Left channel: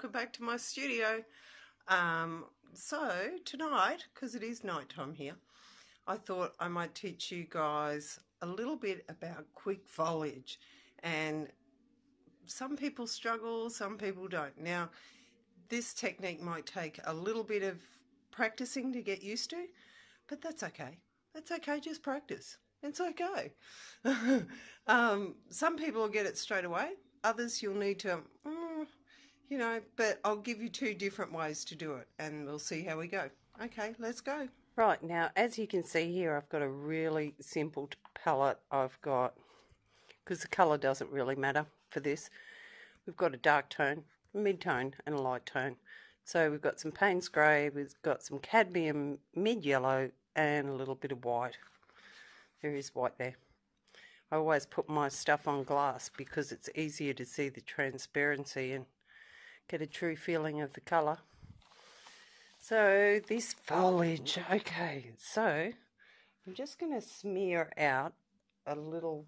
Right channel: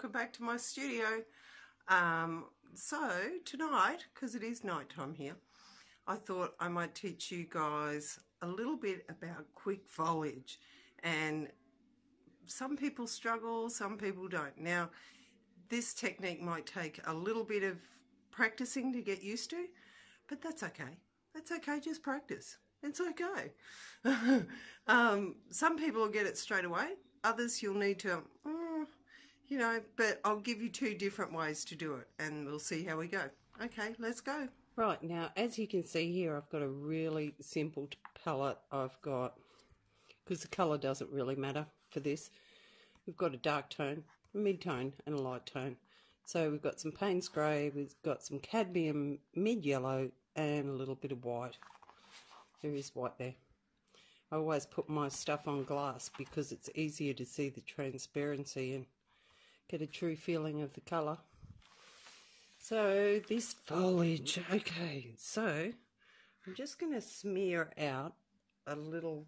welcome back to my studio. So tonight, because it is night time here, I thought I might teach you guys a little bit about quick foliage. And some people struggle, some people don't. Now, this technique might take a little bit of practicing to get used to, but that's okay. That's okay, just practice. It's okay. Some people will get it straight away. Others you'll need to, but I'll give you two different ways to do it and we'll see how we go. Okay, let's go. Right, now as you can see here, I've got a really simple palette. I've got, because the colour doesn't really matter for this, we've got a dark tone, a mid-tone and a light tone. So we've got some Payne's grey, we've got some cadmium mid-yellow and a little bit of white. There is white there. I always put my stuff on glass because it's easier to see the transparency and get a true feeling of the colour. So this foliage, okay, so I'm just going to smear out a little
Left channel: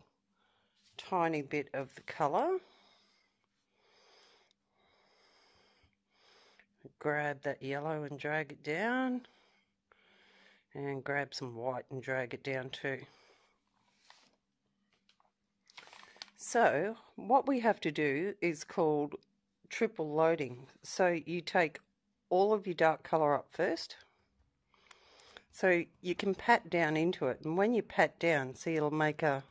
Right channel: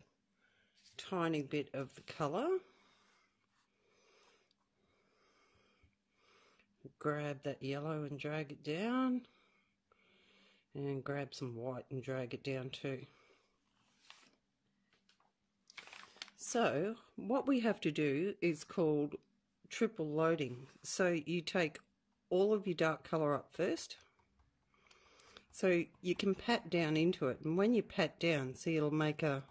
tiny bit of the colour. Grab that yellow and drag it down, and grab some white and drag it down too. So what we have to do is called triple loading. So you take all of your dark colour up first, so you can pat down into it, and when you pat down, see, it'll make a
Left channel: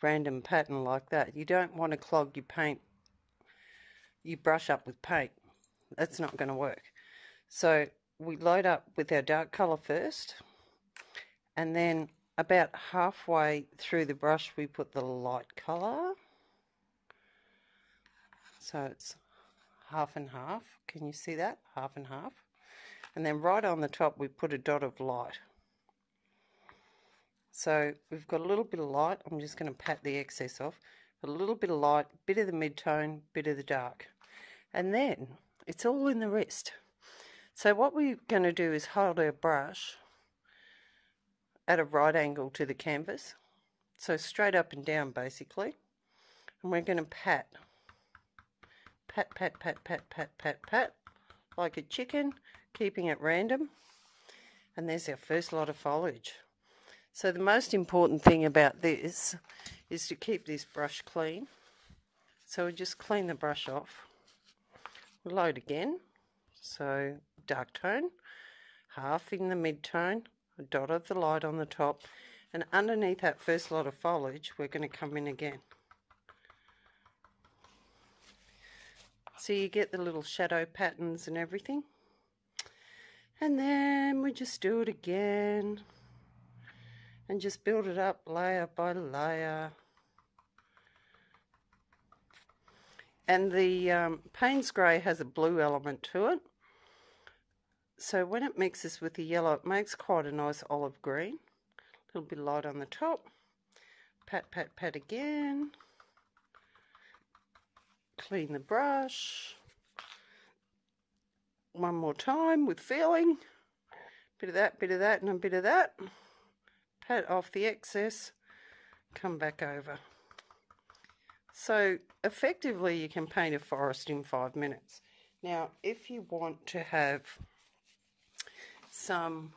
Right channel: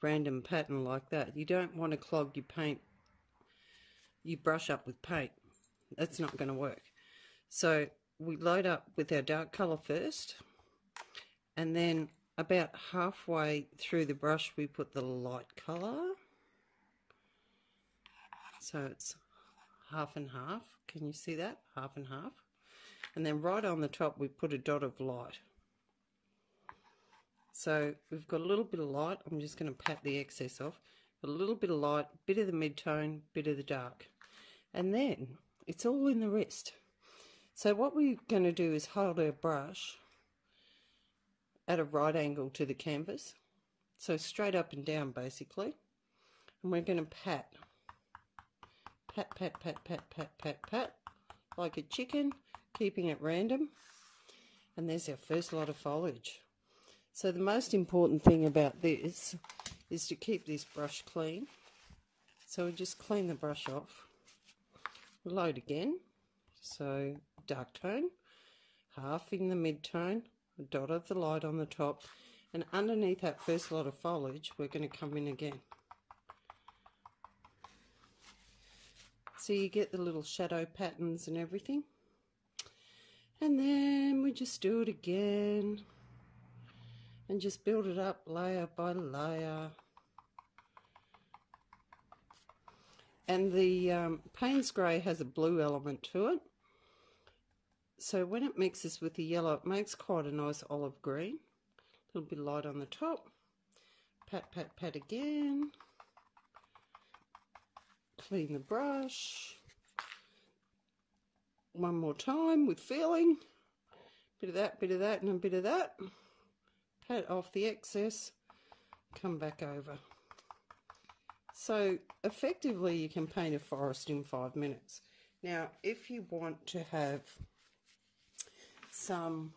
random pattern like that. You don't want to clog your paint, you brush up with paint. That's not going to work. So we load up with our dark colour first, and then about halfway through the brush we put the light colour. So it's half and half. Can you see that? Half and half. And then right on the top we put a dot of light. So we've got a little bit of light. I'm just going to pat the excess off. A little bit of light, bit of the mid-tone, bit of the dark. And then it's all in the rest. So what we're going to do is hold our brush at a right angle to the canvas, so straight up and down basically, and we're going to pat, pat, pat, pat, pat, pat, pat, pat, like a chicken, keeping it random, and there's our first lot of foliage. So the most important thing about this is to keep this brush clean. So we just clean the brush off, load again, so dark tone, half in the mid-tone, a dot of the light on the top, and underneath that first lot of foliage we're going to come in again. So you get the little shadow patterns and everything, and then we just do it again and just build it up layer by layer. And the Payne's grey has a blue element to it, so when it mixes with the yellow, it makes quite a nice olive green. A little bit of light on the top. Pat, pat, pat again. Clean the brush. One more time with feeling. Bit of that, and a bit of that. Pat off the excess. Come back over. So effectively you can paint a forest in 5 minutes. Now if you want to have some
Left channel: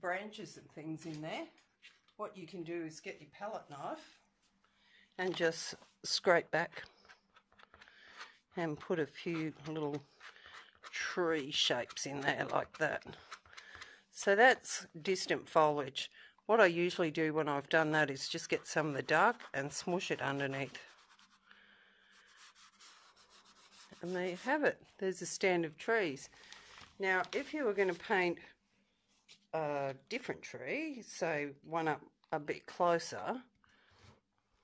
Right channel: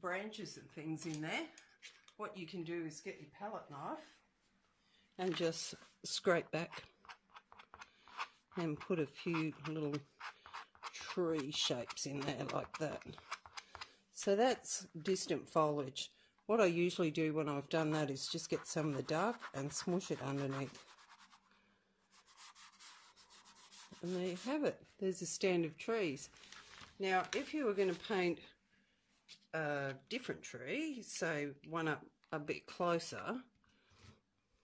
branches and things in there, what you can do is get your palette knife and just scrape back and put a few little tree shapes in there like that. So that's distant foliage. What I usually do when I've done that is just get some of the dark and smoosh it underneath. And there you have it. There's a stand of trees. Now, if you were going to paint a different tree, so one up a bit closer,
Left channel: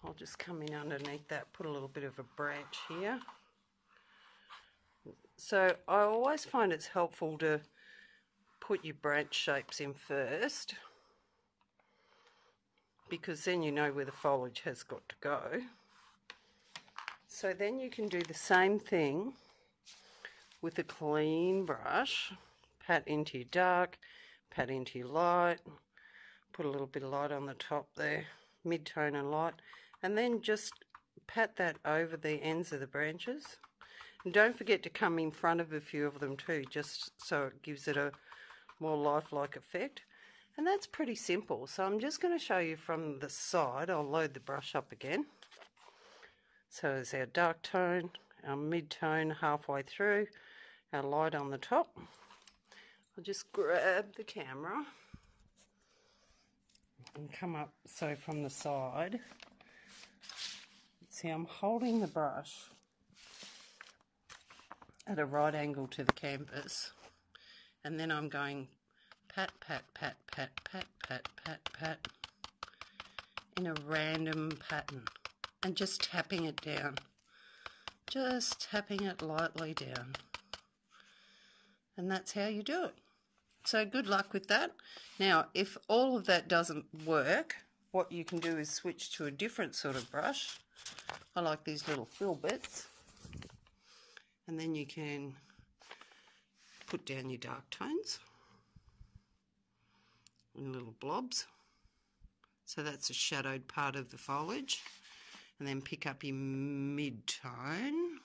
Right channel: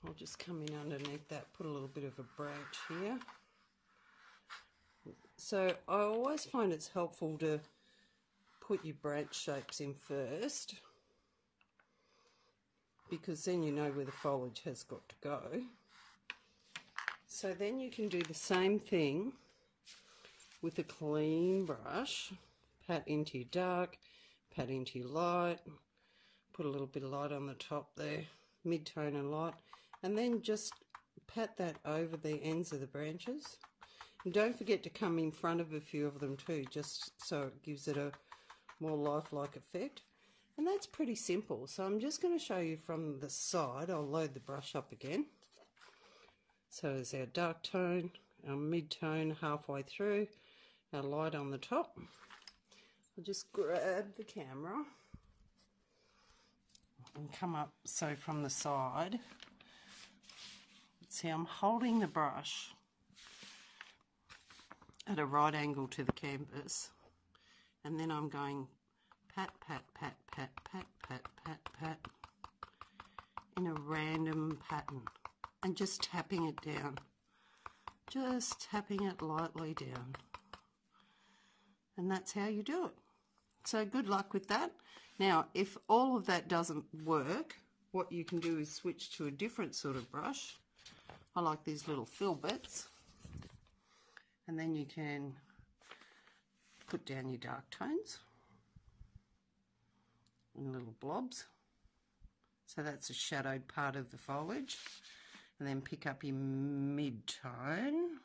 I'll just come in underneath that, put a little bit of a branch here. So I always find it's helpful to put your branch shapes in first, because then you know where the foliage has got to go. So then you can do the same thing with a clean brush. Pat into your dark, pat into your light, put a little bit of light on the top there, mid-tone and light, and then just pat that over the ends of the branches. And don't forget to come in front of a few of them too, just so it gives it a more lifelike effect. And that's pretty simple. So I'm just going to show you from the side. I'll load the brush up again. So there's our dark tone, our mid-tone halfway through, our light on the top. I'll just grab the camera and come up, so from the side. See, I'm holding the brush at a right angle to the canvas, and then I'm going pat, pat, pat, pat, pat, pat, pat, pat, in a random pattern, and just tapping it down. Just tapping it lightly down. And that's how you do it. So good luck with that. Now, if all of that doesn't work, what you can do is switch to a different sort of brush. I like these little fill bits. And then you can put down your dark tones in little blobs. So that's a shadowed part of the foliage. And then pick up your mid-tone,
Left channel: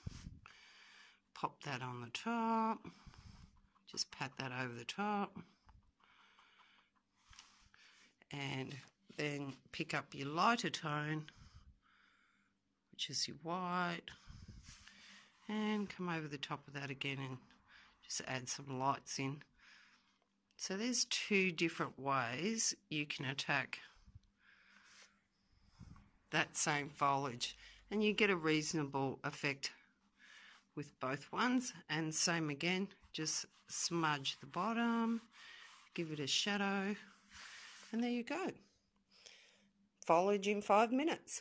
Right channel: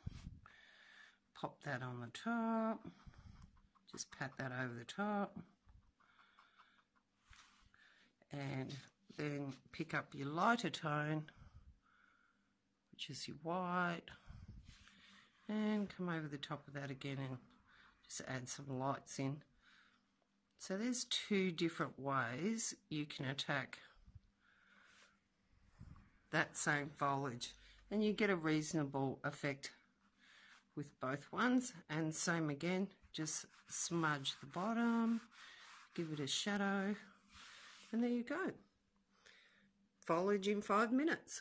pop that on the top, just pat that over the top, and then pick up your lighter tone, which is your white, and come over the top of that again and just add some lights in. So there's two different ways you can attack that same foliage, and you get a reasonable effect with both ones. And same again, just smudge the bottom, give it a shadow, and there you go. Foliage in 5 minutes.